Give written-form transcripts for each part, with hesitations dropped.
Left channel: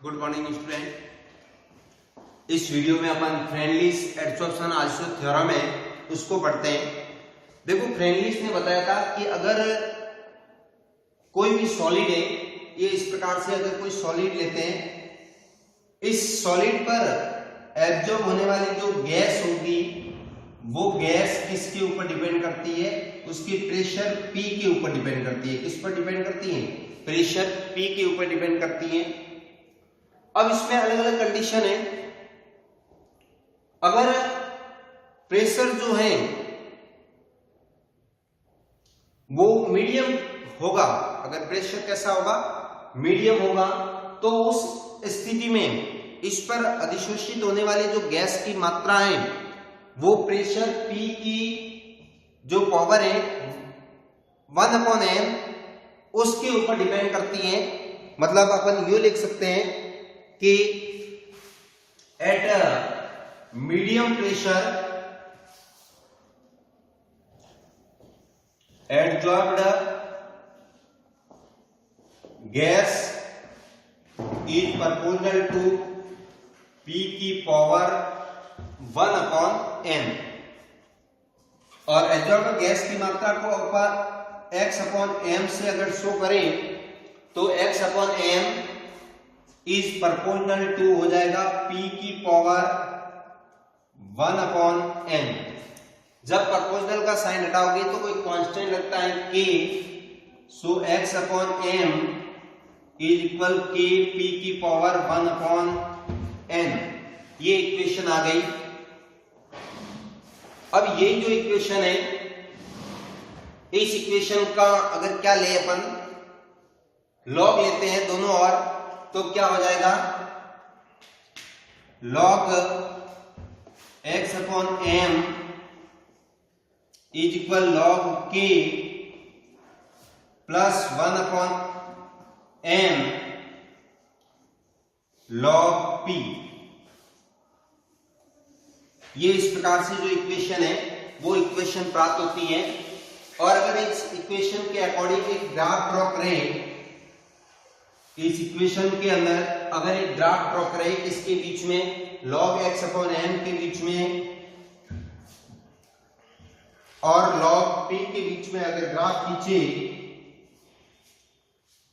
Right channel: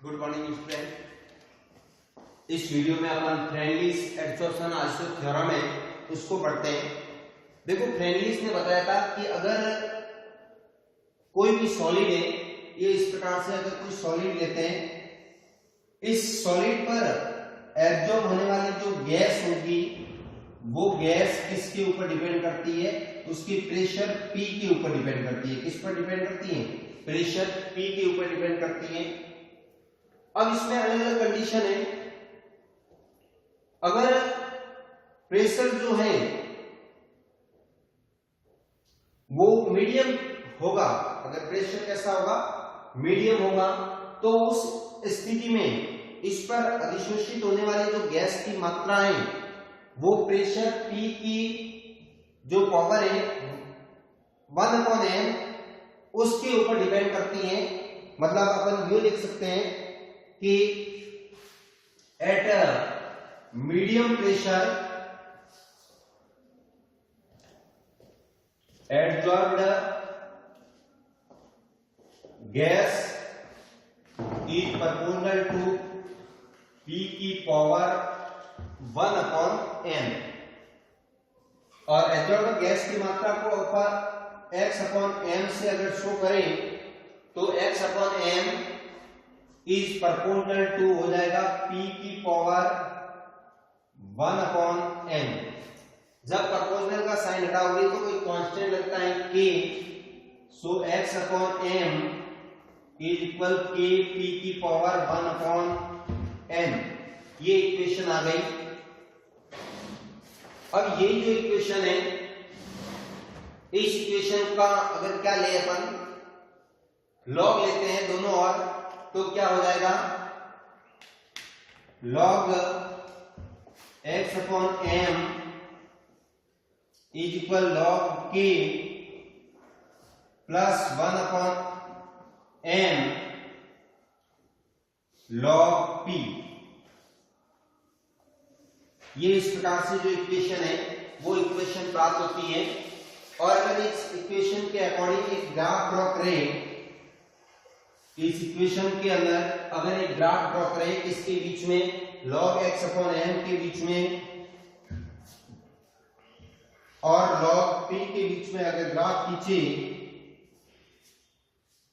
Good morning student. इस video में अपन friendlies adsorption iso theorem है उसको पढ़ते हैं। देखो, फ्रेंडलीज ने बताया था कि अगर कोई भी सॉलिड है, ये इस प्रकार से अगर कोई सॉलिड लेते हैं, इस सॉलिड पर एब्जॉर्ब होने वाली जो गैस होगी वो गैस किसके ऊपर डिपेंड करती है? उसकी प्रेशर P के ऊपर डिपेंड करती है। किस पर डिपेंड करती है? प्रेशर P के ऊपर डिपेंड करती है। अब इसमें अलग अलग कंडीशन है। अगर प्रेशर जो है वो मीडियम होगा, अगर प्रेशर कैसा होगा? मीडियम होगा, तो उस स्थिति में इस पर अधिशोषित होने वाली जो गैस की मात्रा है वो प्रेशर P की जो पावर है 1/n उसके ऊपर डिपेंड करती है। मतलब अपन ये लिख सकते हैं कि at medium pressure absorbed gas is proportional to P की पावर 1/n। और एब्जॉर्ब्ड गैस की मात्रा को ऊपर x/m से अगर शो करें तो x/m इज प्रोपोर्शनल टू हो जाएगा P की पावर 1/n। जब प्रोपोर्शनल का साइन हटाओगे तो कोई कांस्टेंट लगता है k, so x/m is equal k P की पावर 1/n। ये इक्वेशन आ गई। अब ये जो इक्वेशन है, इस इक्वेशन का अगर क्या ले अपन लॉग लेते हैं दोनों ओर, तो क्या हो जाएगा? log x/m is equal log k plus 1/m log p। ये इस प्रकार से जो इक्वेशन है वो इक्वेशन प्राप्त होती है। और अगर इस इक्वेशन के अकॉर्डिंग एक ग्राफ ड्रॉ करें, इस इक्वेशन के अंदर अगर एक ग्राफ ड्रॉ करें, इसके बीच में log x/m के बीच में और log p के बीच में अगर ग्राफ खींचे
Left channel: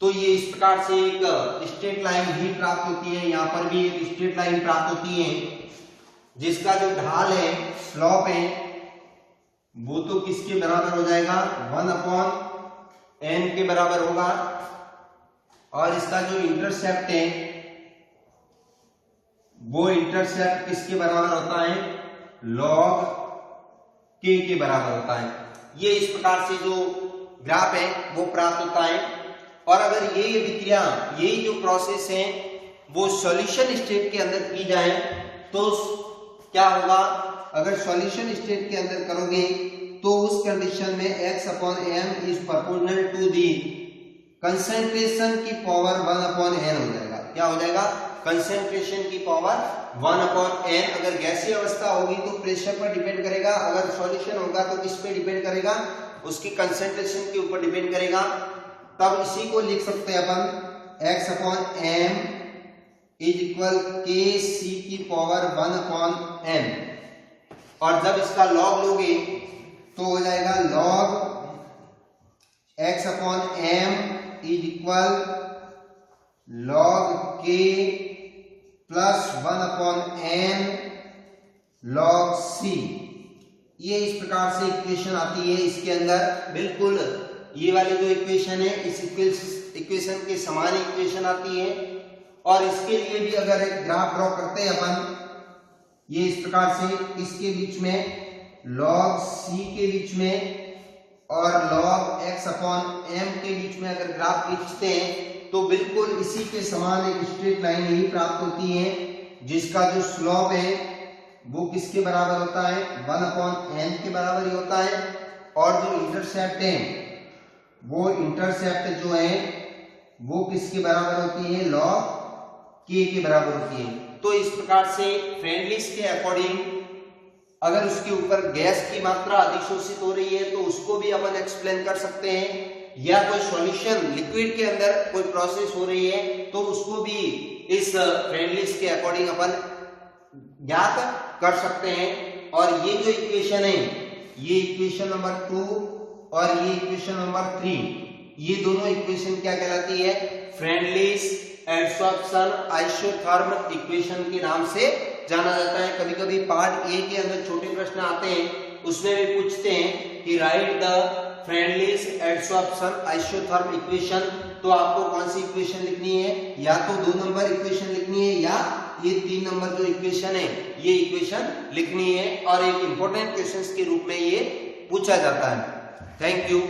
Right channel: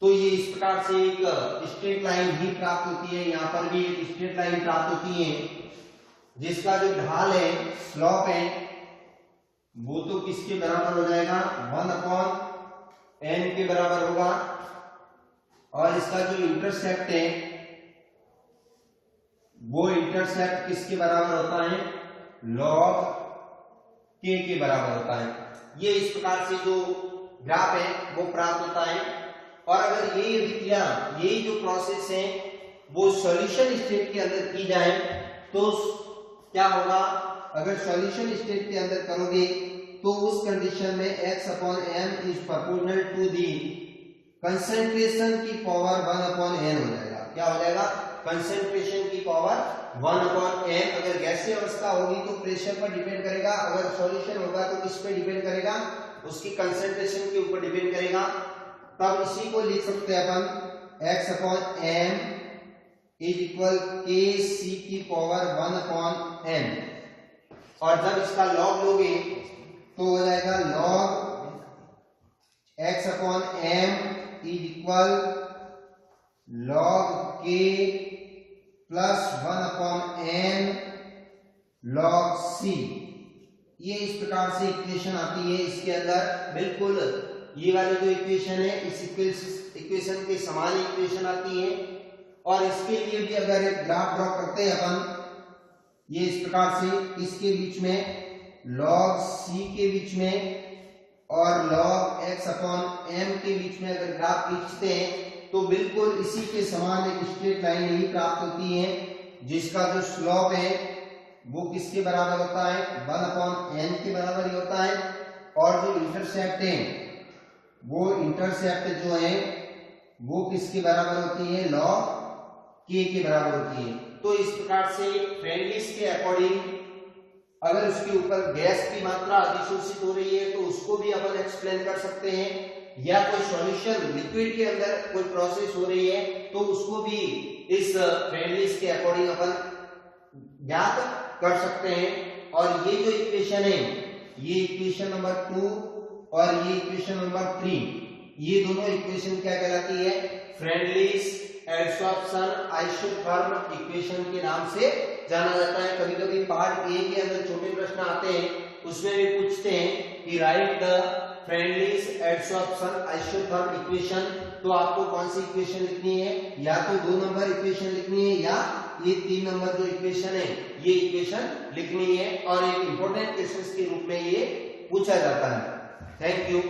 तो ये इस प्रकार से एक स्ट्रेट लाइन भी प्राप्त होती है। यहां पर भी एक स्ट्रेट लाइन प्राप्त होती है जिसका जो ढाल है, स्लोप है, वो तो किसके बराबर हो जाएगा? 1/n के बराबर होगा। और इसका जो इंटरसेप्ट है वो इंटरसेप्ट किसके बराबर होता है? log k के बराबर होता है। ये इस प्रकार से जो ग्राफ है वो प्राप्त होता है। और अगर ये विक्रिया, ये जो प्रोसेस है वो सॉल्यूशन स्टेट के अंदर की जाए तो क्या होगा? अगर सॉल्यूशन स्टेट के अंदर करोगे तो उस कंडीशन में x/m is proportional to the concentration की पावर 1/n हो जाएगा। क्या हो जाएगा? कंसंट्रेशन की पावर 1/n। अगर गैसीय अवस्था होगी तो प्रेशर पर डिपेंड करेगा, अगर सॉल्यूशन होगा तो किस पे डिपेंड करेगा? उसकी कंसंट्रेशन के ऊपर डिपेंड करेगा। तब इसी को लिख सकते हैं अपन x/m इज इक्वल kc की पावर 1/n। और जब इसका लॉग लोगे तो हो जाएगा log x/m is equal log k plus 1/n log c। ये इस प्रकार से इक्वेशन आती है। इसके अंदर बिल्कुल ये वाली जो इक्वेशन है इस इक्वेशन के समान इक्वेशन आती है। और इसके लिए भी अगर एक ग्राफ ड्रॉ करते हैं अपन, ये इस प्रकार से, इसके बीच में log c के बीच में और log x/m के बीच में अगर ग्राफ खींचते हैं तो बिल्कुल इसी के समान एक स्ट्रेट लाइन ही प्राप्त होती है जिसका जो स्लोप है वो किसके बराबर होता है? 1/n के बराबर ही होता है। और जो इंटरसेप्ट है वो इंटरसेप्ट जो है वो किसके बराबर होती है? log k के बराबर होती है। तो इस प्रकार से फ्रेंडलीज के अकॉर्डिंग अगर उसके ऊपर गैस की मात्रा अधिशोषित हो रही है तो उसको भी अपन एक्सप्लेन कर सकते हैं, या कोई सॉल्यूशन लिक्विड के अंदर कोई प्रोसेस हो रही है तो उसको भी इस फ्रेंडलीज के अकॉर्डिंग अपन ज्ञात कर सकते हैं। और ये जो इक्वेशन है, ये इक्वेशन नंबर 2 और ये इक्वेशन नंबर 3, ये दोनों इक्वेशन क्या कहलाती है? फ्रेंडलीज एडसॉर्प्शन आइसोथर्म इक्वेशन के नाम से जाना जाता है। कभी कभी पार्ट ए के अंदर छोटे प्रश्न आते हैं, उसमें भी पूछते हैं कि right the friendlies adsorption isotherm equation. तो आपको कौन सी इक्वेशन लिखनी है? या तो 2 नंबर इक्वेशन लिखनी है या ये 3 नंबर जो इक्वेशन है ये इक्वेशन लिखनी है, और एक इंपॉर्टेंट क्वेश्चंस के रूप में ये पूछा जाता है। Thank you.